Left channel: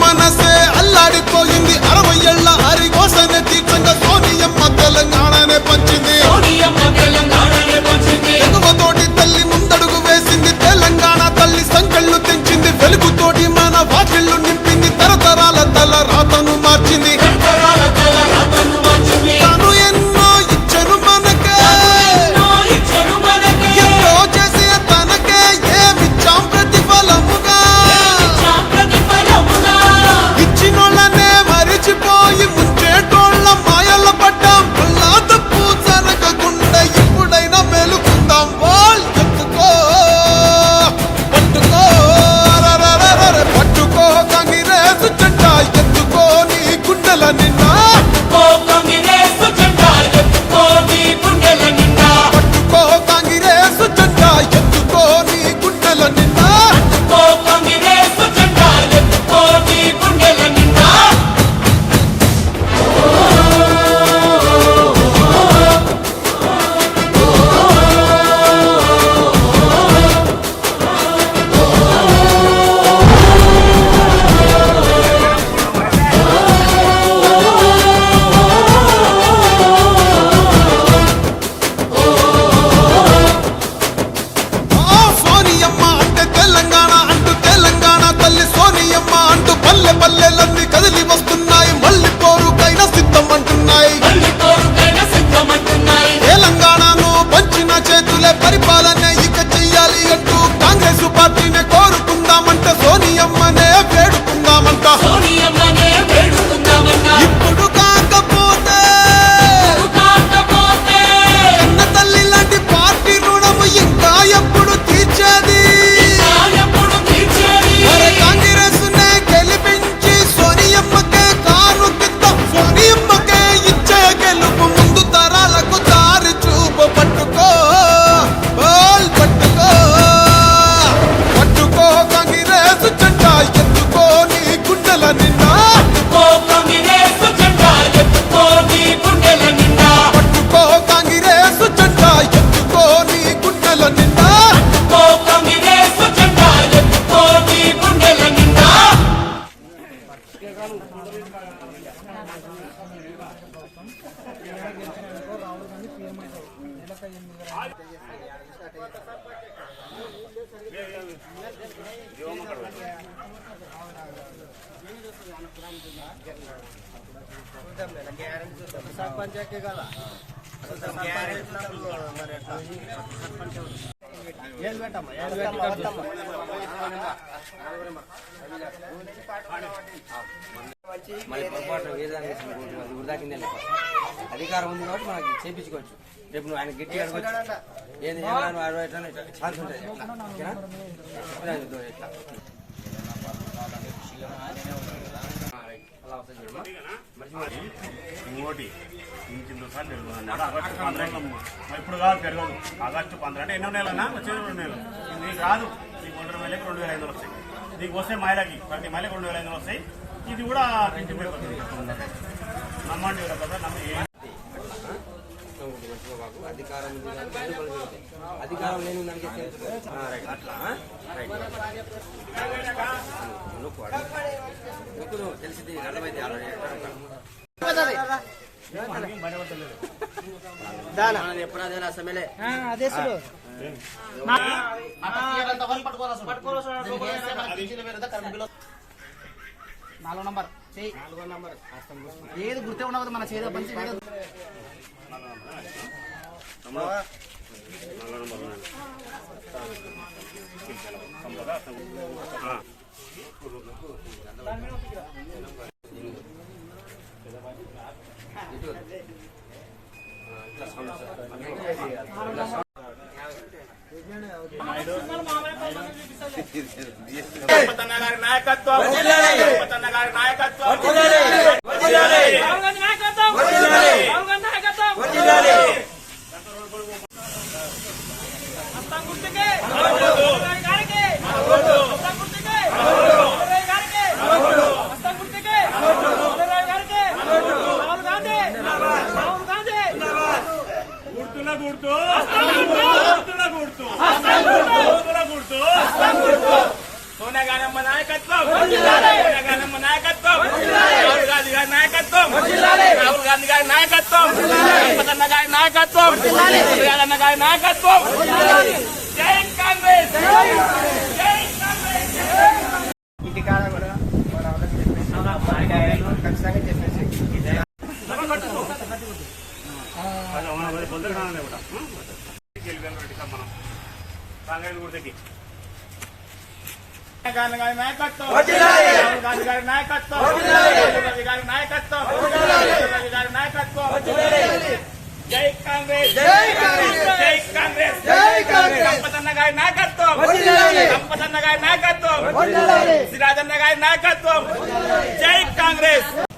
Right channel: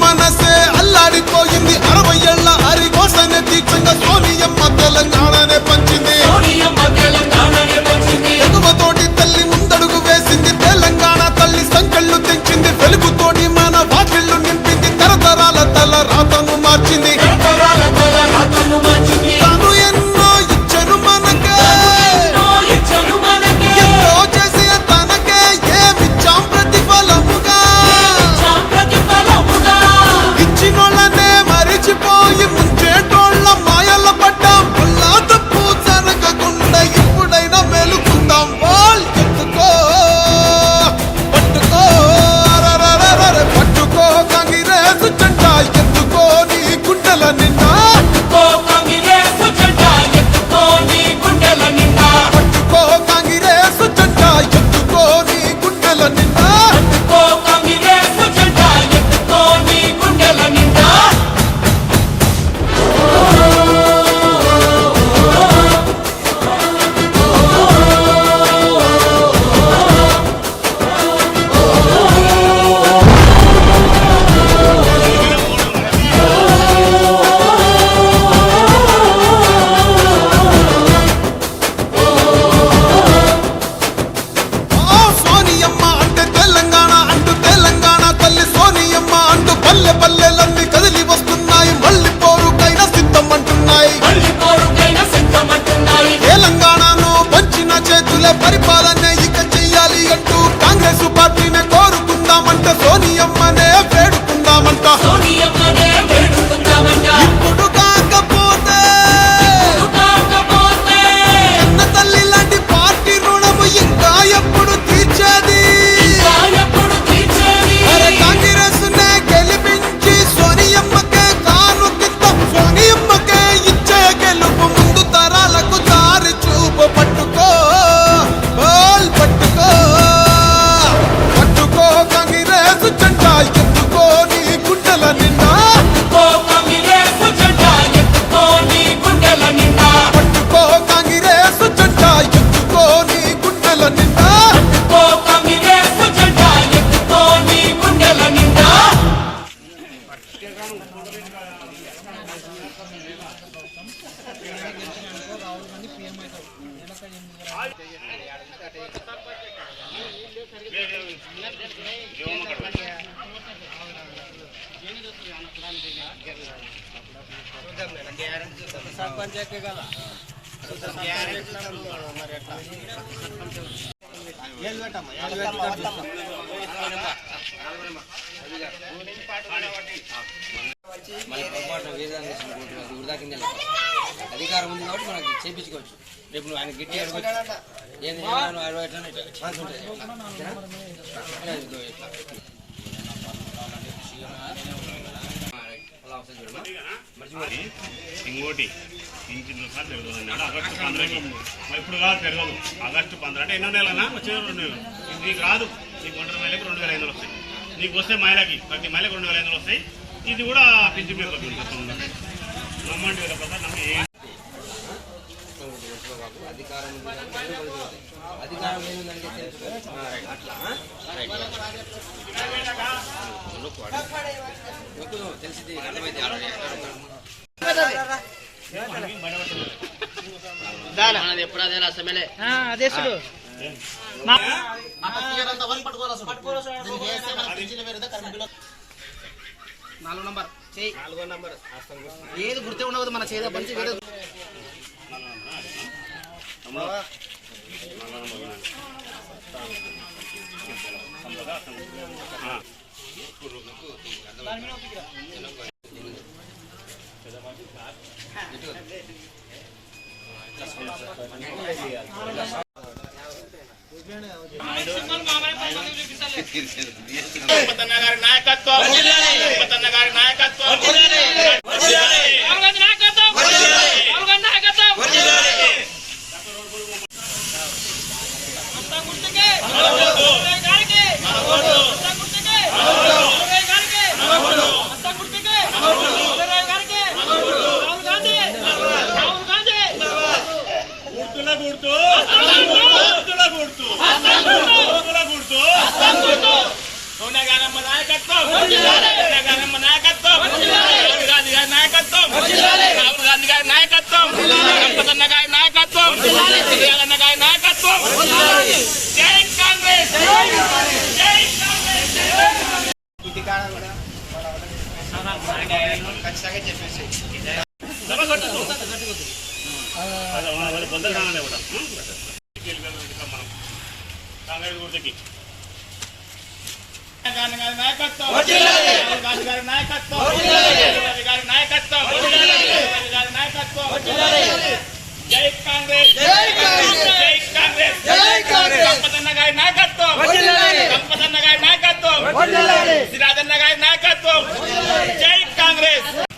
మనసే అల్లాడిపోయింది. అరవై ఏళ్ళ హరి కోసనే తీక్షంగా సోనియమ్మ తెలంగాణనే పంచింది. ఎగువతోటి తల్లి సోనియమ్మనే వేడుకుందామంట. సోనియమ్మనే సర్పంచ్ కదా సర్పంచ్ ఎక్కినప్పుడు మరి ఎట్లా మళ్ళీ పొరపాటు వేరే దానికి అది వృధా కింద అధికారం ఉంది కాబట్టి మనకి చేయించుకోవచ్చు రేపు నువ్వు ఆయన గట్టి అడగచ్చు ఏది అరవై ఛాన్స్ ఉంటుంది ఇంకోటి ఇంటిందో సార్లు పెరుగుతుంది ఆగస్టు పంద్రకి మరి ఇప్పుడు కాదు పెరగదు. ఆగస్టు పంద్ర అంటే ఎన్నో నెలనా వచ్చే రెండు నెలలు. నీకు రాదు. నీకు ఒంటరి మహిళకి రెండు వేల ఐదు వందలు వస్తాయి. నీకు వస్తే మహిళకి ప్రతి మహిళకి రెండు వేల ఐదు వస్తాయి. ఇది కూడా పెంచి పెరుగుతుంది నమ్మండి కదా నమ్మి అధికారం అధికారం లేని దానికి అట్లా తెలిసింది అర్థమైంది ఆల్రెడీ ఎక్కడ ఉన్నాడు? మనకి బయటపడుతుంది మనది ఎప్పుడు అదే నాలుగో నంబర్ చెయ్యి నాలుగో నంబర్ ఆస్తం గుర్తు. ఏది గుర్తే ఉండదు మన చేద పంచి వేరే ఆ. సంపతన్న గారి నాయకత్వం సంపతన్న గారి నాయకత్వం రాహుల్ గాంధీ నాయకత్వం రాహుల్ గాంధీ నాయకత్వం మస్తాన్ గుర్తుకే రాహుల్ గారికి మస్తాన్ గుర్తుకే రాహుల్ గారికి మస్తాన్ గుర్తుకే రాహుల్ గారికి రాహుల్ గాంధీ రాహుల్ గాంధీ గుర్తుల గుర్తు గాంధీ నాయకత్వం. గాంధీ నాయకత్వం. రాహుల్ గాంధీ గారి నాయకత్వం. రాహుల్ గాంధీ గారి నాయకత్వం. సంపదన్న గారి నాయకత్వం. సూర్యాలన్న గారి నాయకత్వం. జై కాంగ్రెస్. జై కాంగ్రెస్. కట్టుకో అది అవునా, అది పొద్దున కావాలనే గారి గారి నాయకత్వం. గారి గారి నాయకత్వం. గారి నాయకత్వం గారి నాయకత్వం. జై కాంగ్రెస్. జై కాంగ్రెస్. జై కాంగ్రెస్. జై కాంగ్రెస్. సంపదన్న గారి నాయకత్వం. సంపదన్న గారి నాయకత్వం. సిరాజన్న గారి నాయకత్వం. జై కాంగ్రెస్.